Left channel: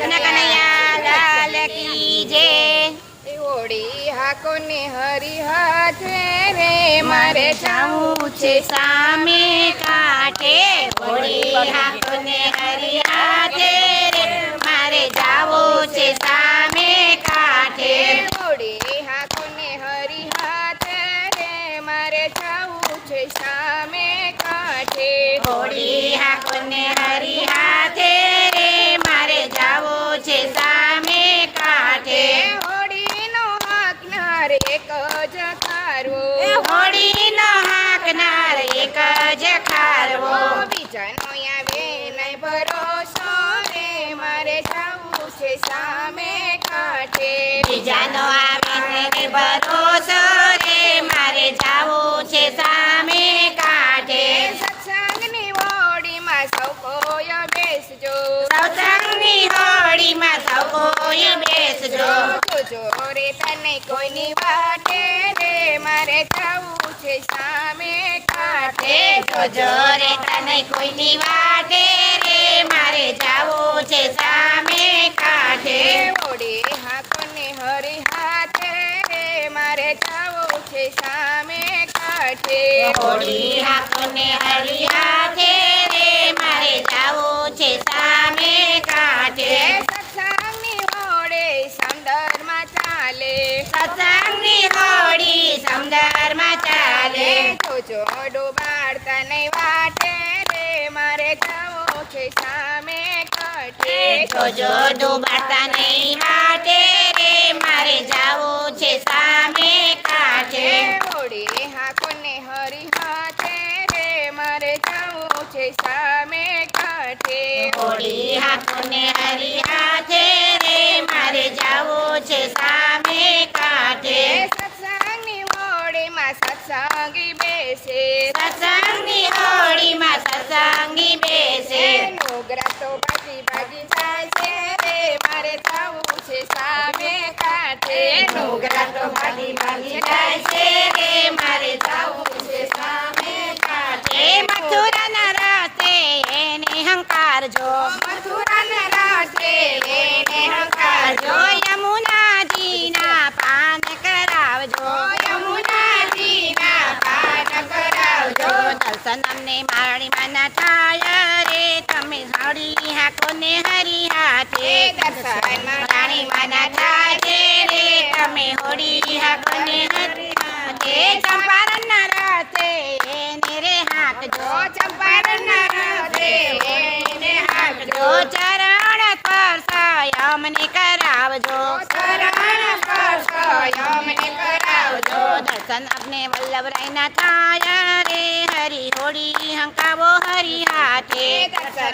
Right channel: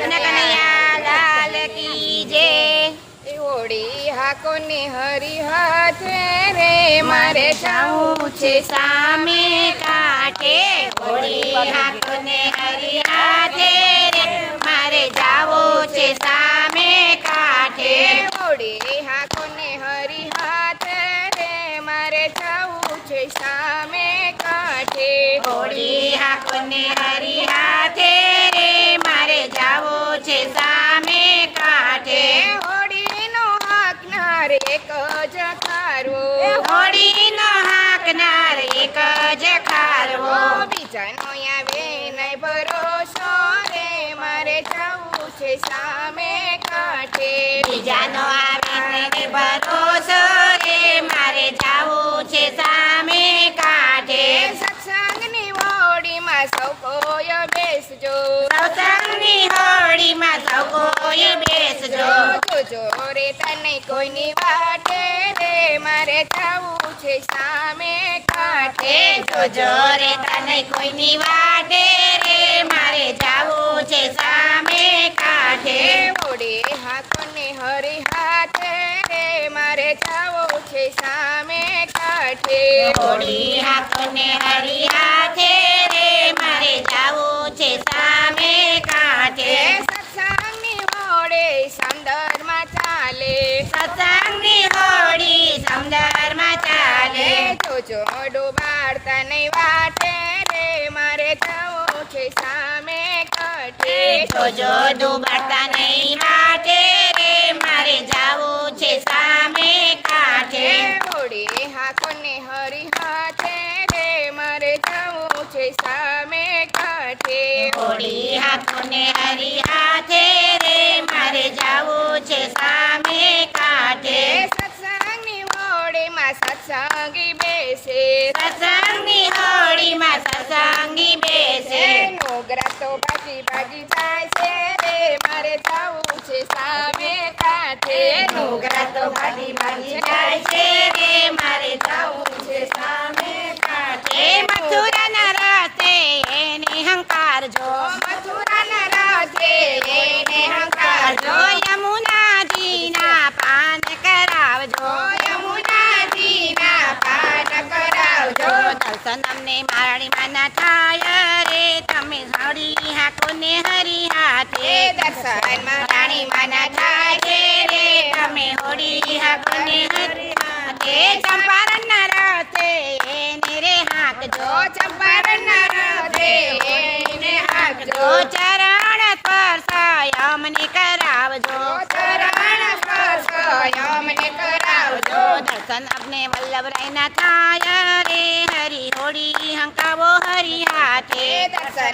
કૃષ્ણ કનૈયા લાલ કી જય। હોળી હાકો ને હરી હાથે રે મારે જાવું છે સામે કાંઠે હોળી હાકોને હરી હાથે રે મારે જાવું છે સામે કાંઠે। હોળી હાકો ને હરી હાથે રે મારે જાવું છે સામે કાંઠે। હોળી હાકોને હરી હાથે રે મારે જાવું છે સામે કાંઠે। હોળીનો હાકનાર એક જ ખારવો હોળીનો હાકનાર એક જ ખારવો બીજાનો આવે નહીં ભરોસો રે મારે જાવું છે સામે કાંઠે। બીજાનો આવે ભરોસો રે મારે જાવું છે સામે કાંઠે। સત્સંગની હોળીમાં સૌ કોઈ બેસજો સત્સંગની હોળીમાં સૌ કોઈ બેસજો। જોજો રે તને કોઈની વાટે રે મારે જાવું છે સામે કાંઠે। જોજો રે તને કોઈની વાટે રે મારે જાવું છે સામે કાંઠે। હોળી હાકોને હરી હાથે રે મારે જાવું છે સામે કાંઠે। હોળી હાકોને હરી હાથે રે મારે જાવું છે સામે કાંઠે। સત્સંગની હોળી સમદરમાં ચાલે સત્સંગની હોળી સમદરમાં ચાલે। જોજો ડૂબાડતા નહીં વાટે રે મારે જાવું છે સામે કાંઠે। જોજો ડૂબાડતા નહીં વાટે રે મારે જાવું છે સામે કાંઠે। હોળી હાકોને હરી હાથે રે મારે જાવું છે સામે કાંઠે। હોળી હાકોને હરી હાથે રે મારે જાવું છે સામે કાંઠે। સત્સંગની હોળીમાં સત્સંગી બેસે સત્સંગની હોળીમાં સત્સંગી બેસે। નોગરા તો ભાગી ભાગી જાય છે રે મારે જાવું છે સામે કાંઠે। નોગરા તો ભાગી ભાગી જાય છે રે મારે જાવું છે સામે કાંઠે। મથુરાના રસ્તે એને હંકારજો મથુરાના રસ્તે એને હંકારજો। યમુનાજીના પાન કરાવજો યમુનાજીના પાઠ કરાવજો। દર્શન અમને મારી માના થાય રે તમે હળી હાકોને હરી હાથે। દર્શનમાં રાણી માના થાય છે રે તમે હોળી હાકોને હરી હાથે। ચંપારણના રસ્તે એને રે હાંકજો ચંપારણના રસ્તે એને હાંકજો। ચરણ સ્પર્શ અમને કરાવજો ચરણ સ્પર્શ અમને કરાવજો। દર્શન અમને વલ્લભરાયના થાય રે